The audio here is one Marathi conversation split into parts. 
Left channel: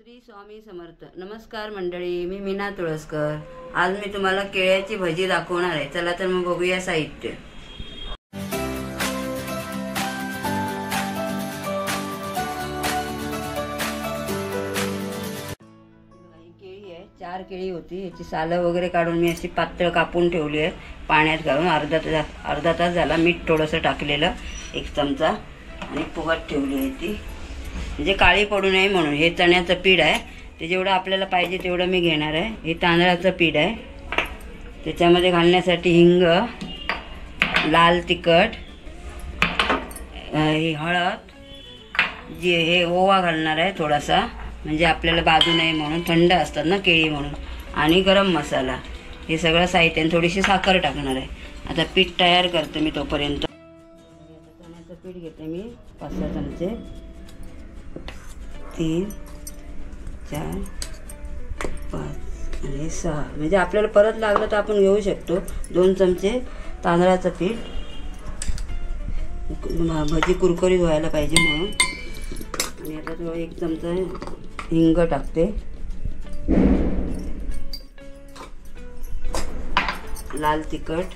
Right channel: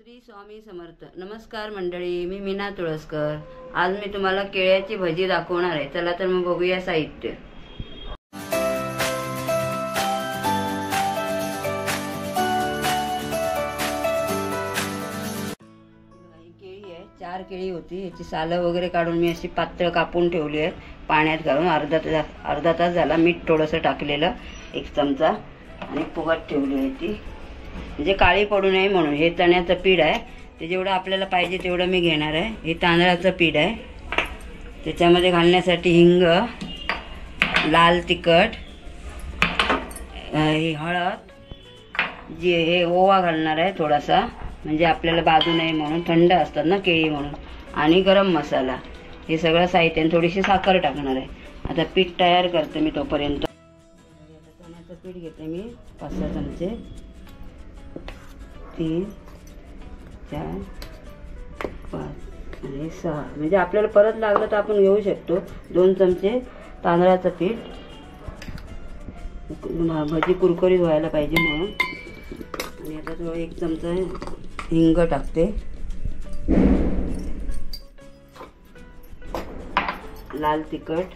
श्री स्वामी समर्थ. नमस्कार मंडळी, मी मीना तुळसकर. आज मी तुम्हाला केळ्याची भजी दाखवणार आहे. चला तर मग बघूया साहित्य. केळी आहे, 4 केळी होती. याची सालं वगैरे काढून मी अशी पातळ कापून ठेवली आहे पाण्यात घालून. अर्धा तास झाला. मीठ थोडंसं टाकलेलं 1 चमचा आणि फुगत ठेवली आहे ती, म्हणजे काळी पडू नये म्हणून. हे चण्याचं पीठ आहे, ते जेवढं आपल्याला पाहिजे तेवढं मी घेणार आहे. हे तांदळाचं पीठ आहे. त्याच्यामध्ये घालण्यासाठी हिंग, लाल तिखट, ही हळद, हे ओवा घालणार आहे थोडासा, म्हणजे आपल्याला बाजू नये म्हणून. थंड असतात ना केळी म्हणून. आणि गरम मसाला. हे सगळं साहित्य. थोडीशी साखर टाकणार आहे. आता पीठ तयार करते मी तोपर्यंत. चण्याचं पीठ घेते मी 5-6 चमचे. 3, 4, 5 आणि 6, म्हणजे आपल्याला परत लागलं तर आपण घेऊ शकतो. 2 चमचे तांदळाचं पीठ, भजी कुरकुरीत व्हायला पाहिजे म्हणून. आणि आता थोडं 1 चमचा हिंग टाकते. लाल तिखट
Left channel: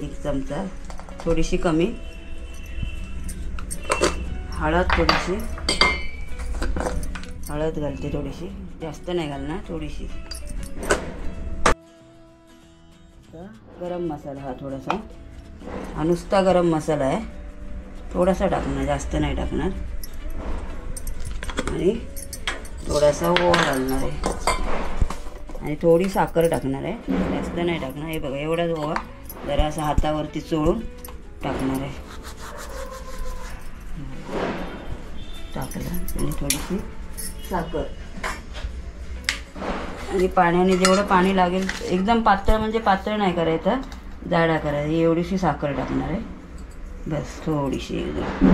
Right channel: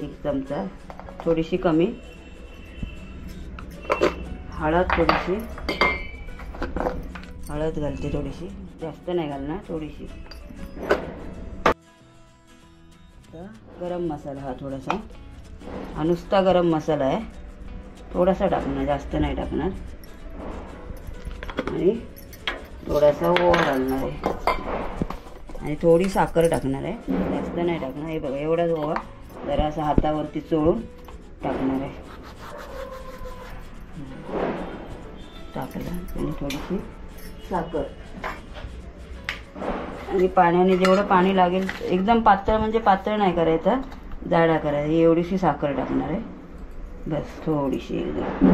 1 चमचा, थोडीशी कमी. हळद घालते थोडीशी, जास्त नाही घालणार, थोडीशी. गरम मसाला हा थोडासा, हा नुसता गरम मसाला आहे. थोडासा टाकणार, जास्त नाही टाकणार. आणि थोडासा ओवा घालणार आहे आणि थोडी साखर टाकणार आहे, जास्त नाही टाकणार. हे बघा, एवढाच ओवा जरा असं हातावरती चोळून टाकणार आहे. टाकलं आणि थोडीशी साखर आणि पाण्याने जेवढं पाणी लागेल, एकदम पातळ म्हणजे पातळ नाही करायचं, जाडा करायचा. एवढीशी साखर टाकणार आहे बस, थोडीशी एकदम,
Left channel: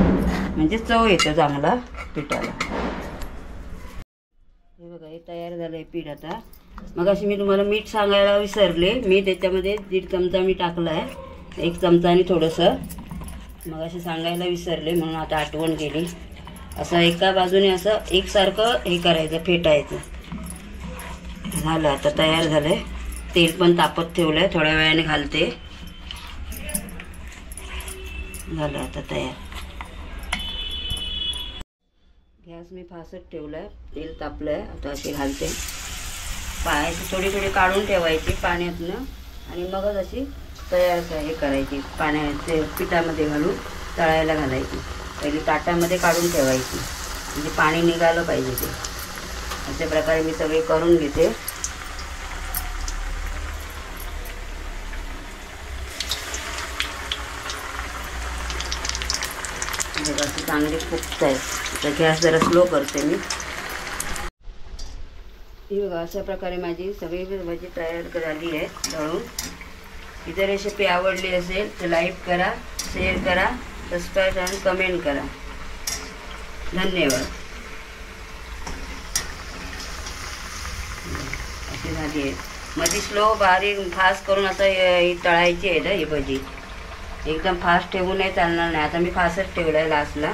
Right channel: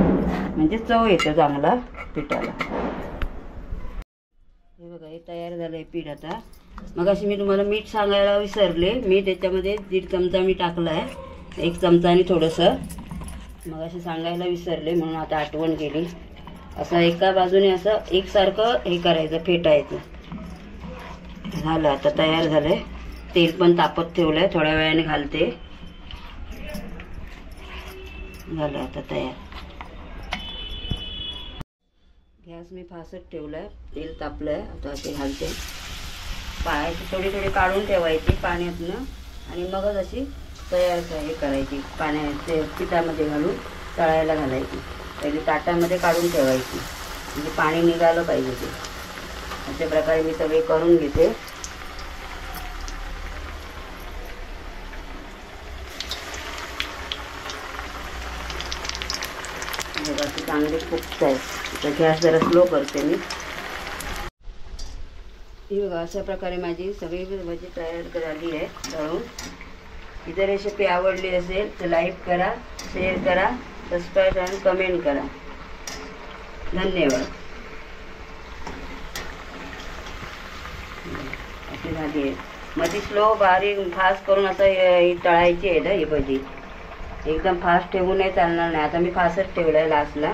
म्हणजे चव येतं चांगला पिठाला. हे बघा, हे तयार झालं आहे पीठ. आता मग अशी मी तुम्हाला मीठ सांगायला विसरले. मी त्याच्यामध्ये 1.5 चमचा मी टाकलं आहे, 1 चमचा आणि थोडंसं. मग अशी सांगायला विसरले म्हणून आता आठवण केली. असं एका बाजूने असं एकसारखं हे करायचं, फेटायचं. झालं, आता तयार झालंय. तेल पण तापत ठेवलंय, थोड्या वेळाने घालते. झालं आता तयार. गॅस मी फास्ट ठेवलाय, तेल तापलंय. आता असे घालते. पायाची थोडी थोडी काढून ठेवायची पाण्यातनं आणि मगच अशी तयार हे करायची. पाण्याचे पिठामध्ये घालून तळायला घालायची. पहिले ताटामध्ये काढून ठेवायची, म्हणजे पाणी निघालं पाहिजे ते. अशा प्रकारे मी सगळे करून घेते. अशी चांगली फुगत आहे. तर गॅस जरा स्लो करते मी. ही बघा, अशा प्रकारे माझी सगळी भजी तयार झाली आहे तळून. ही जर रेसिपी आवडली असेल तर लाईक करा, शेअर करा, सबस्क्राईब आणि कमेंट करा. धन्यवाद. अशी झाली आहे. मध्ये स्लो बारीक फास्ट करून असं ही तळायची आहे ना ही भजी. एकदम फास्ट ठेवू नाही चालणार नाही. आता मी फास्टच ठेवलं आहे लास्टला.